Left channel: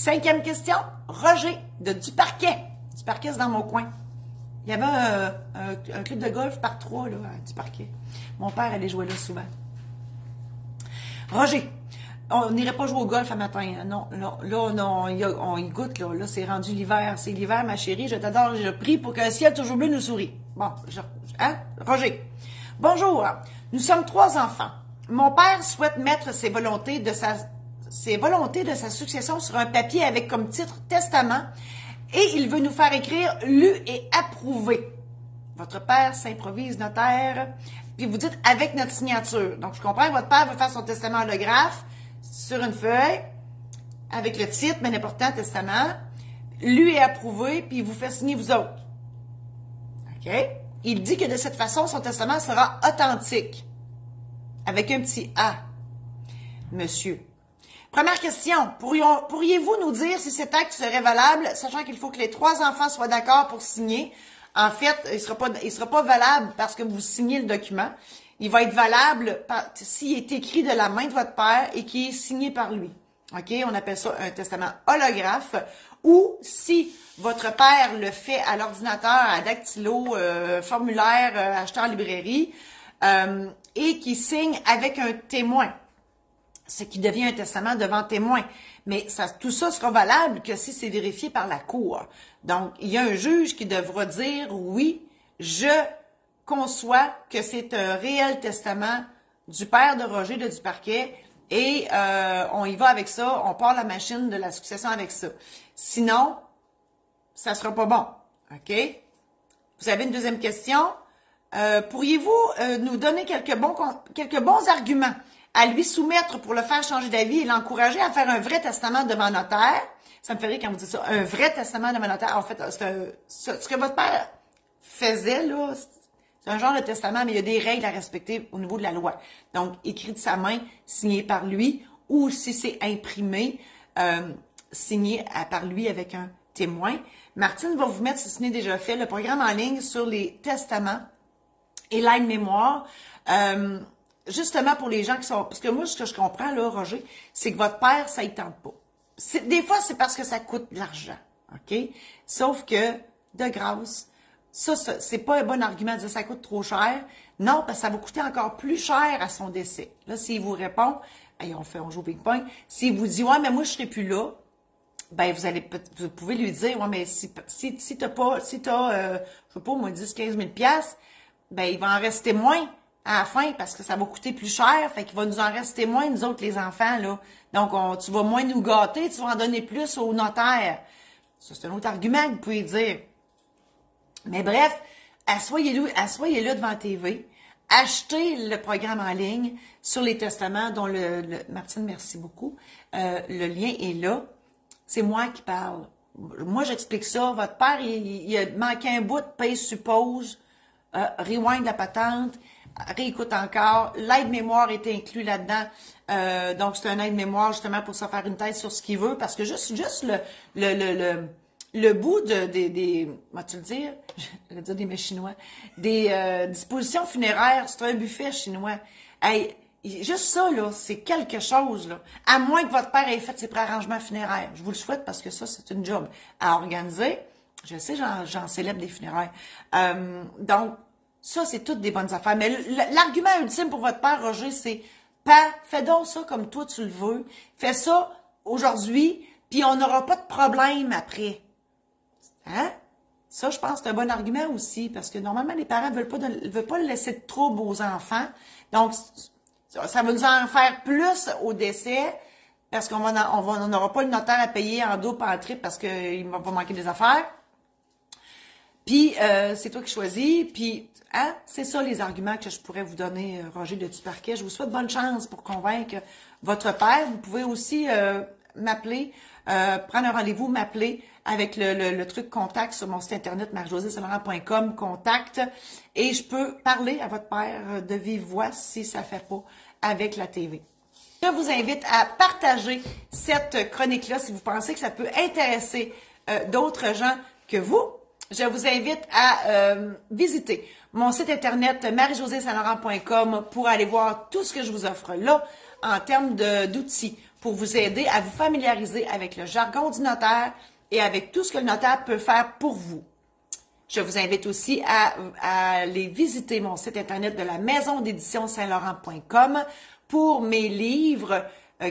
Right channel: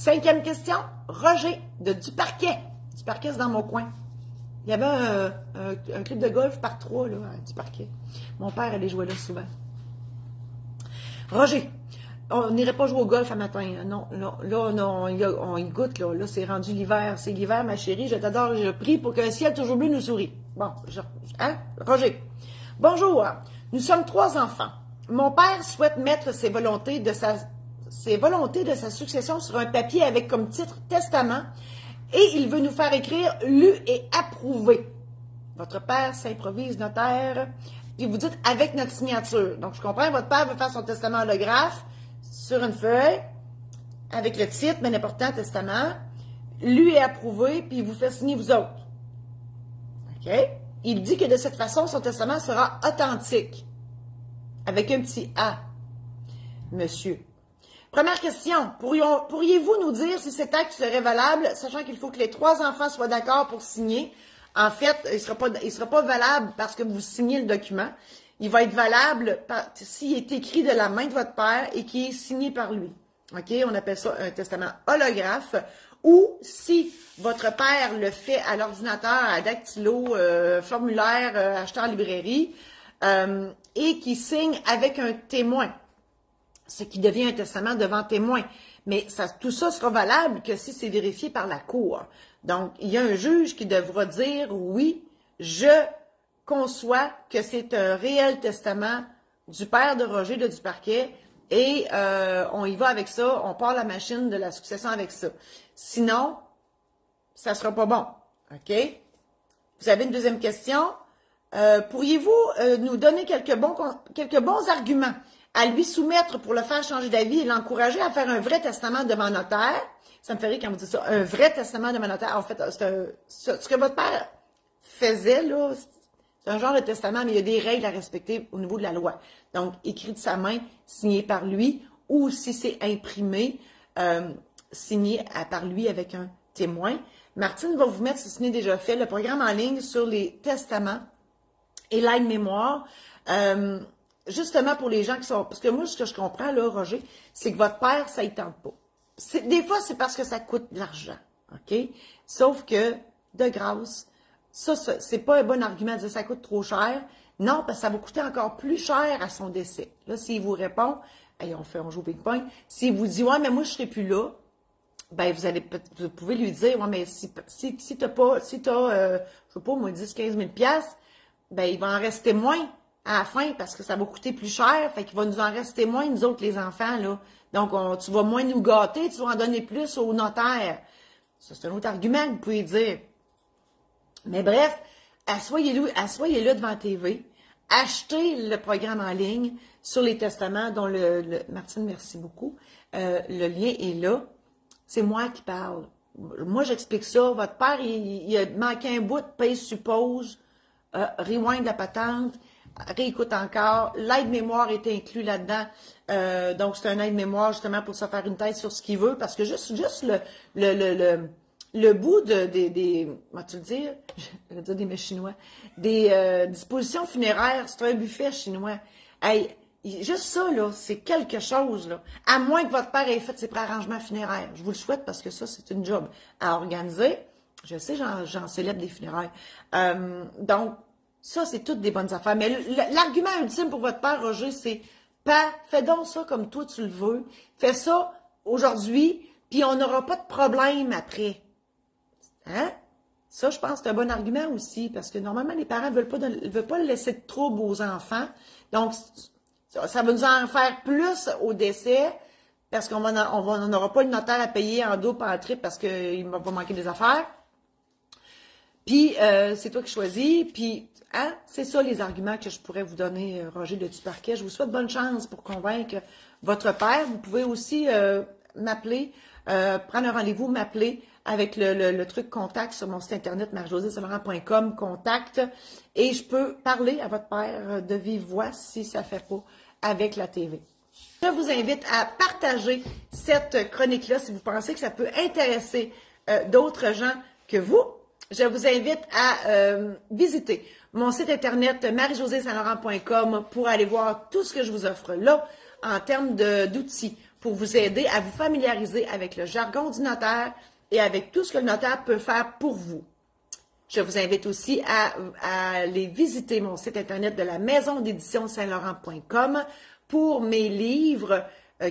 5e question, Roger de Duparquet. Duparquet, c'est dans mon coin. Il y avait un club de golf par 3 là, à Duparquet. Mon père allait jouer là souvent. Roger, on n'irait pas jouer au golf à matin. Hein? Non, là, non, on y goûte. Là, c'est rendu l'hiver. C'est l'hiver, ma chérie. Je t'adore, je prie pour que le ciel toujours bleu nous sourie. Bon, Roger. Bonjour. Nous sommes 3 enfants. Mon père souhaite mettre ses volontés de sa succession sur un papier avec comme titre testament et il veut nous faire écrire lu et approuvé. Votre père s'improvise notaire, puis vous dites avec notre signature. Donc, je comprends que votre père veut faire son testament holographe sur une feuille avec le titre, mais important, testament, lu et approuvé, puis il vous fait signer vous autres. OK? Il dit que de cette façon, son testament sera authentique. Avec un petit A. Monsieur. Première question. Pourriez-vous nous dire si cet acte serait valable, sachant qu'il faut que les 3 enfants soient d'accord pour signer? En fait, il sera pas valable parce que vous signez le document. Il va être valable s'il est écrit de la main de votre père et qui est signé par lui. OK? On appelle ça un testament holographe. Ou si votre père le fait à l'ordinateur, à dactylo, formulaire acheté en librairie, et qui signe avec un témoin. C'est qui devient un testament devant témoin. Mais tout ça sera valable que si c'est vérifié par la cour. Donc, il y a un juge qui devra dire, oui, je conçois que c'est un réel testament du père de Roger de Duparquet et on y va avec ça, on part la machine de la succession avec ça. Sinon, ça sera pas bon. OK? Vous avez une deuxième question? Pourriez-vous nous donner quelques bons arguments à lui soumettre pour le faire changer d'avis et l'encourager à faire un vrai testament devant notaire? Ça me fait rire quand vous dites ça, un vrai testament devant notaire. En fait, ce que votre père faisait, là, c'est un genre de testament, mais il y a des règles à respecter au niveau de la loi. Donc, écrit de sa main, signé par lui, ou si c'est imprimé, signé par lui avec un témoin. Martine va vous mettre, si ce n'est déjà fait, le programme en ligne sur les testaments et l'aide-mémoire. Justement pour les gens qui sont... Parce que moi, ce que je comprends, là, Roger, c'est que votre père, ça ne tente pas. Des fois, c'est parce que ça coûte de l'argent, OK? Sauf que, de grâce, ça c'est pas un bon argument de dire ça coûte trop cher. Non, parce que ça va coûter encore plus cher à son décès. Là, s'il vous répond, hey, on joue au ping-pong. S'il vous dit, ouais, mais moi, je serai plus là, ben, vous pouvez lui dire, ouais, mais si t'as, je sais pas, moi, 10, 15 000 piastres, ben, il va en rester moins à la fin parce que ça va coûter plus cher, fait qu'il va nous en rester moins, nous autres, les enfants, là. Donc, tu vas moins nous gâter, tu vas en donner plus au notaire. Ça, c'est un autre argument que vous pouvez dire. Mais bref, assoyez-le devant la TV, achetez le programme en ligne sur les testaments dont Martine, merci beaucoup. Le lien est là. C'est moi qui parle. Moi, j'explique ça. Votre père, il a manqué un bout, paye suppose, rewind la patente, réécoute encore. L'aide-mémoire est inclus là-dedans. Donc, c'est un aide-mémoire justement pour se faire une thèse sur ce qu'il veut. Parce que juste le bout comment tu le dire? Je vais dire des mets chinois. Des dispositions funéraires, c'est un buffet chinois. Hey, juste ça, là, c'est quelque chose, là. À moins que votre père ait fait ses préarrangements funéraires. Je vous le souhaite parce que ça, c'est une job à organiser. Je sais, j'en célèbre des funérailles. Donc, ça, c'est toutes des bonnes affaires. Mais l'argument ultime pour votre père, Roger, c'est fais donc ça comme toi tu le veux. Fais ça aujourd'hui, puis on n'aura pas de problème après. Hein? Ça, je pense que c'est un bon argument aussi, parce que normalement, les parents ne veulent pas laisser de trouble aux enfants. Donc, ça va nous en faire plus au décès, parce qu'on n'aura pas le notaire à payer en double, en triple, parce qu'il va pas manquer des affaires. Puis, c'est toi qui choisis. Puis, hein, c'est ça les arguments que je pourrais vous donner, Roger de Duparquet. Je vous souhaite bonne chance pour convaincre votre père. Vous pouvez aussi m'appeler, prendre un rendez-vous, m'appeler avec le truc contact sur mon site internet marie-josée-saint-laurent.com, contact. Et je peux parler à votre père de vive voix si ça ne fait pas avec la TV. Je vous invite à partager cette chronique-là si vous pensez que ça peut intéresser d'autres gens que vous. Je vous invite à visiter mon site internet marie-josée-saint-laurent.com pour aller voir tout ce que je vous offre là en termes d'outils pour vous aider à vous familiariser avec le jargon du notaire et avec tout ce que le notaire peut faire pour vous. Je vous invite aussi à aller visiter mon site internet de la maison d'édition Saint-Laurent.com pour mes livres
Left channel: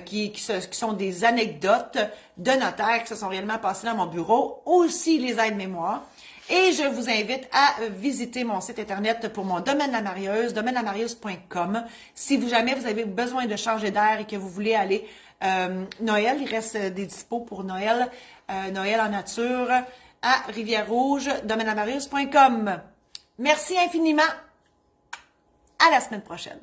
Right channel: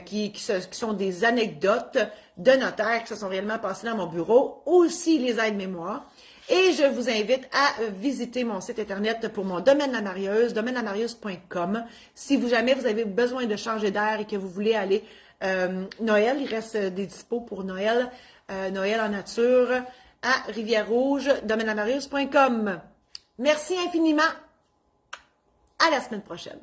qui sont des anecdotes de notaires qui se sont réellement passés dans mon bureau, aussi les aides-mémoires. Et je vous invite à visiter mon site internet pour mon domaine la marieuse, domainelamarieuses.com. Si jamais vous avez besoin de changer d'air et que vous voulez aller Noël, il reste des dispos pour Noël, Noël en nature, à Rivière-Rouge, domainelamarieuses.com. Merci infiniment. À la semaine prochaine.